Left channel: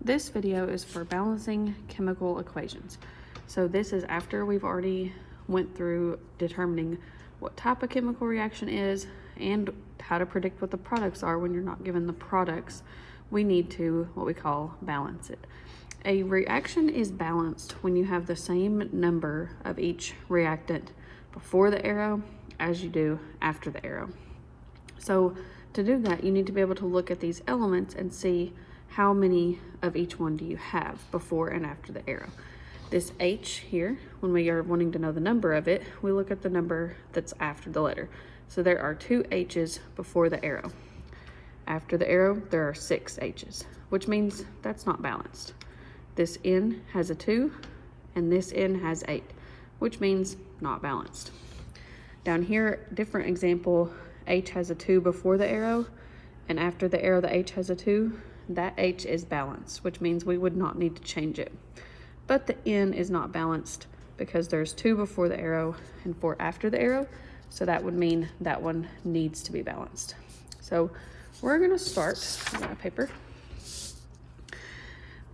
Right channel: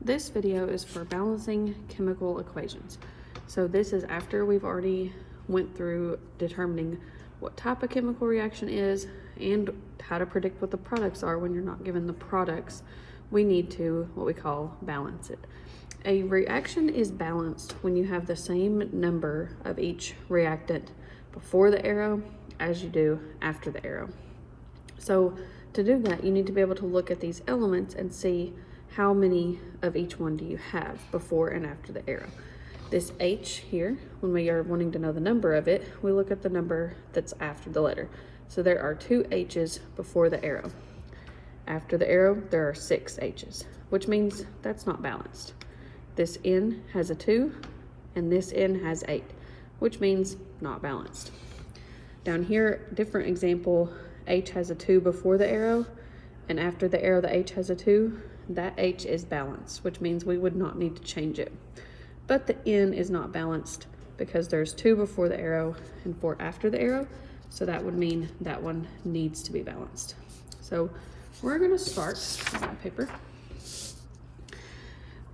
This video is for balancing chemical equations. So this is after we've already went through determining what type of chemical reaction is and how to predict what the products are when you're not given the products. We need to, what we call, balance it. A reaction is balanced when you have the same number of each reactant before the arrow as you do after the arrow. So to do that, you need to be able to look at these elements and see how many of each one do you have before and after the arrow. This H here, when we are wanting to know the number of it, we look at the number that's after the letter. So there are 2 H's before the arrow. After the arrow, there are 6 H's, which means that's not balanced. This N has a 2, and this N has 8, which means not balanced. Down here, different example, H has a 2 before the arrow, and after the arrow, the H has a 2. That H is balanced, which means we would not need to change it. But the N is not balanced because there's 2 before the arrow and 4 after the arrow. So that would mean that one needs to be balanced. So we're gonna start on my paper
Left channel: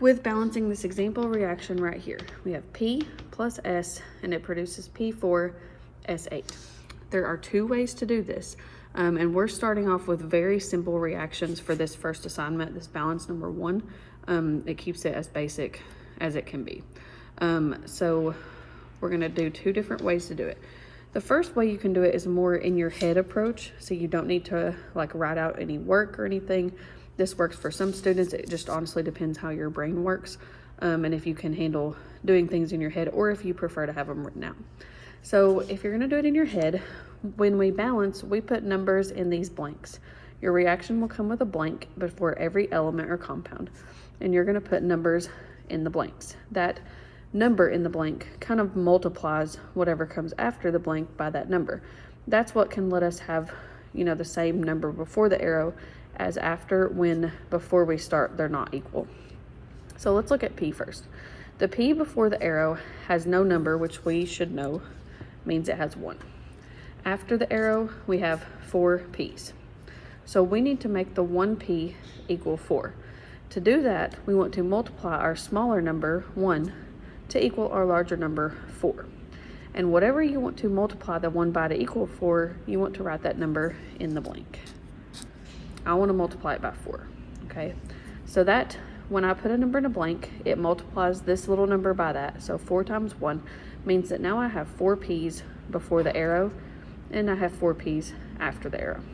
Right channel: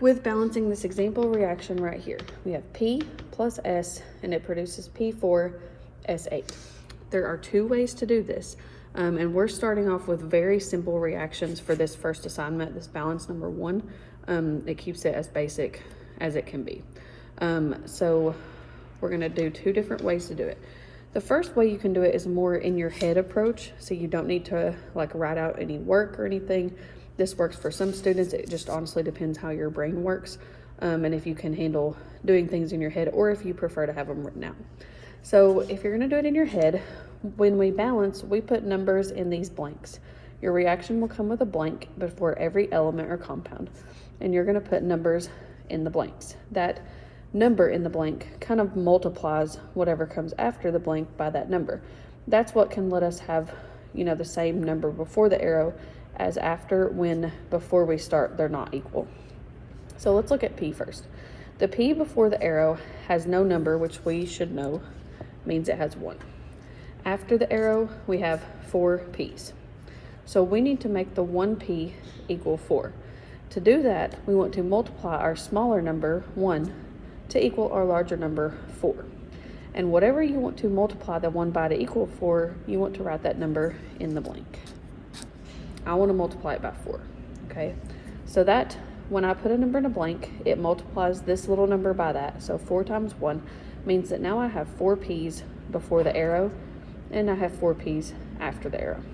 with balancing this example reaction right here. We have P plus S and it produces P4S8. There are 2 ways to do this. And we're starting off with very simple reactions for this first assignment, this balance number 1. It keeps it as basic as it can be. So we're gonna do 2 different ways to do it. The first way you can do it is a more in your head approach. So you don't need to like write out any work or anything. This works for some students. It just honestly depends how your brain works. And if you can handle doing things in your head or if you prefer to have them written out. So if you're gonna do it in your head, when we balance, we put numbers in these blanks. Your reaction will come with a blank before every element or compound, and you're gonna put numbers in the blanks. That number in the blank kind of multiplies whatever comes after the blank by that number. That's what can let us have, the same number before the arrow as after, when before we start, they're not equal. So let's look at P first. The P before the arrow has no number, which we should know means it has 1. After the arrow, we have 4 P's. So we need to make the 1 P equal 4. To do that, we want to multiply our smaller number, 1, to equal our larger number, 4. And whatever you want to multiply the 1 by to equal 4, you want to write that number in the blank. I want to multiply it by 4, okay? So that, when I put a number in a blank, it multiplies this little number by that. So 4 times 1 means that now I have 4 P's before the arrow, and I have 4 P's after the arrow,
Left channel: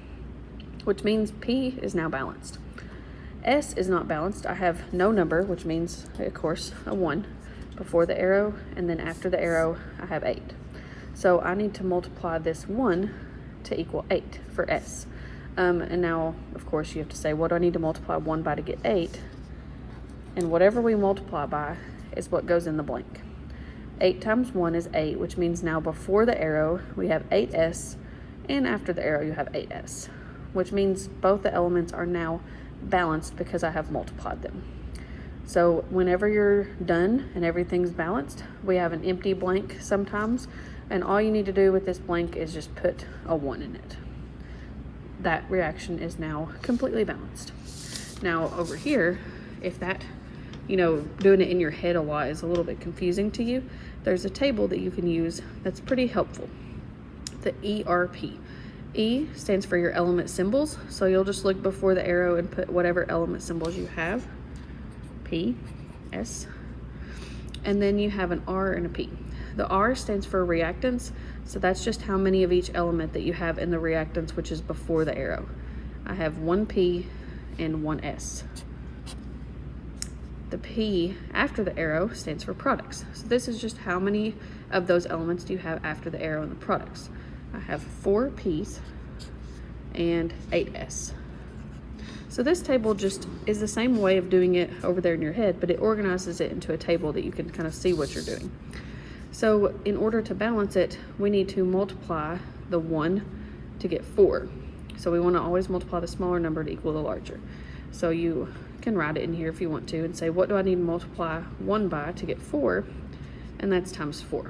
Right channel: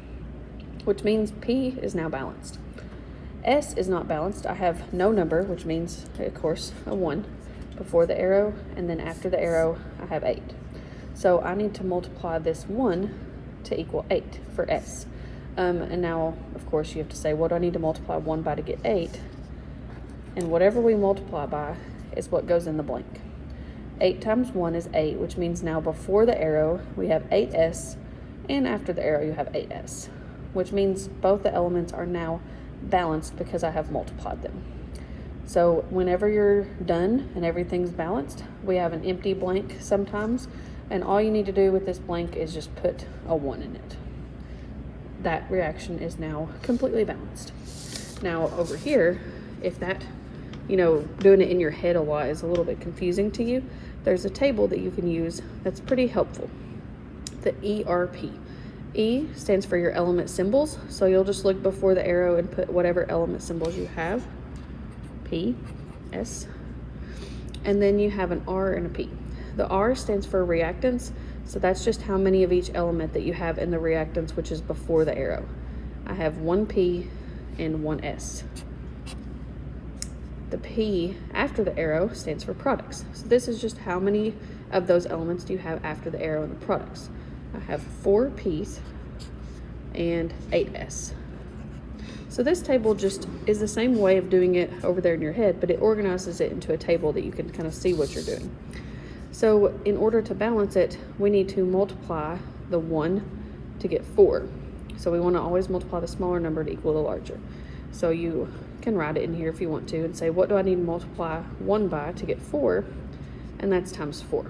which means P is now balanced. S is not balanced. I have no number, which means, of course, a 1 before the arrow, and then after the arrow, I have 8. So I need to multiply this 1 to equal 8 for S. And now, of course, you have to say, what do I need to multiply 1 by to get 8? And whatever we multiply by is what goes in the blank. 8 times 1 is 8, which means now before the arrow, we have 8S, and after the arrow, you have 8S, which means both the elements are now balanced because I have multiplied them. So whenever you're done and everything's balanced, we have an empty blank sometimes, and all you need to do with this blank is just put a 1 in it. That reaction is now completely balanced. Now over here, if that, doing it in your head a lot is a little bit confusing to you, there's a table that you can use that's pretty helpful. The ERP. E stands for your element symbols. So you'll just look before the arrow and put whatever element symbols you have. P, S. And then you have an R and a P. The R stands for reactants. So that's just how many of each element that you have in the reactants, which is before the arrow. I have 1 P and 1 S. The P after the arrow stands for products. So this is just how many of those elements do you have after the arrow in the products. I have 4 P's and 8 S. So this table just is the same way of doing it over there in your head, but it organizes it into a table that you can kind of see what you're doing. So in order to balance it, we need to multiply the 1 to get 4. So we want to always multiply the smaller number to equal the larger. So you can write it in here if you want to and say, what do I need to multiply 1 by to get 4? And that's times 4.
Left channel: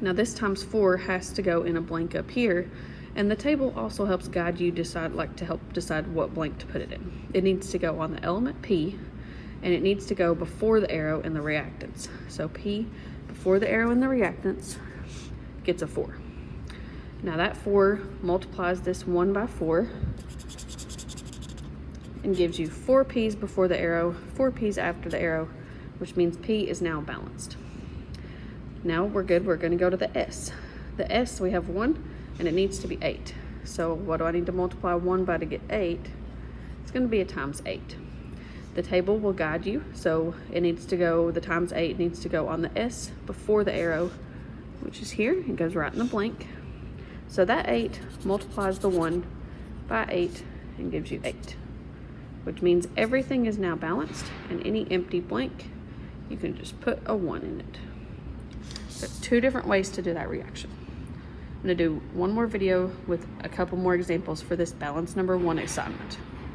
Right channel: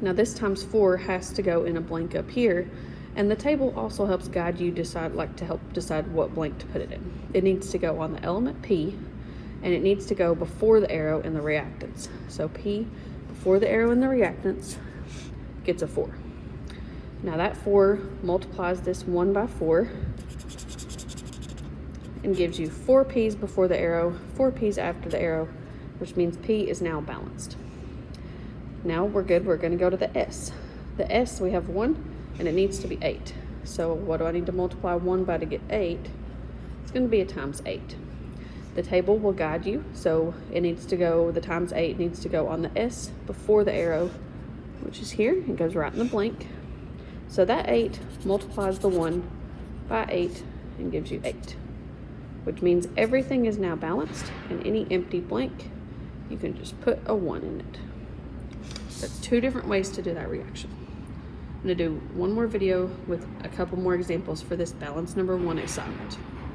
Now this times 4 has to go in a blank up here, and the table also helps guide you to help decide what blank to put it in. It needs to go on the element P, and it needs to go before the arrow in the reactants. So P before the arrow in the reactants gets a 4. Now that 4 multiplies this 1 by 4 and gives you 4 P's before the arrow, 4 P's after the arrow, which means P is now balanced. Now we're good. We're going to go to the S. The S, we have 1 and it needs to be 8. So what do I need to multiply 1 by to get 8? It's going to be a times 8. The table will guide you, so it needs to go, the times 8 needs to go on the S before the arrow, which is here. It goes right in the blank. So that 8 multiplies the 1 by 8 and gives you 8, which means everything is now balanced, and any empty blank, you can just put a 1 in it. There's 2 different ways to do that reaction. I'm going to do one more video with a couple more examples for this balance number 1 assignment.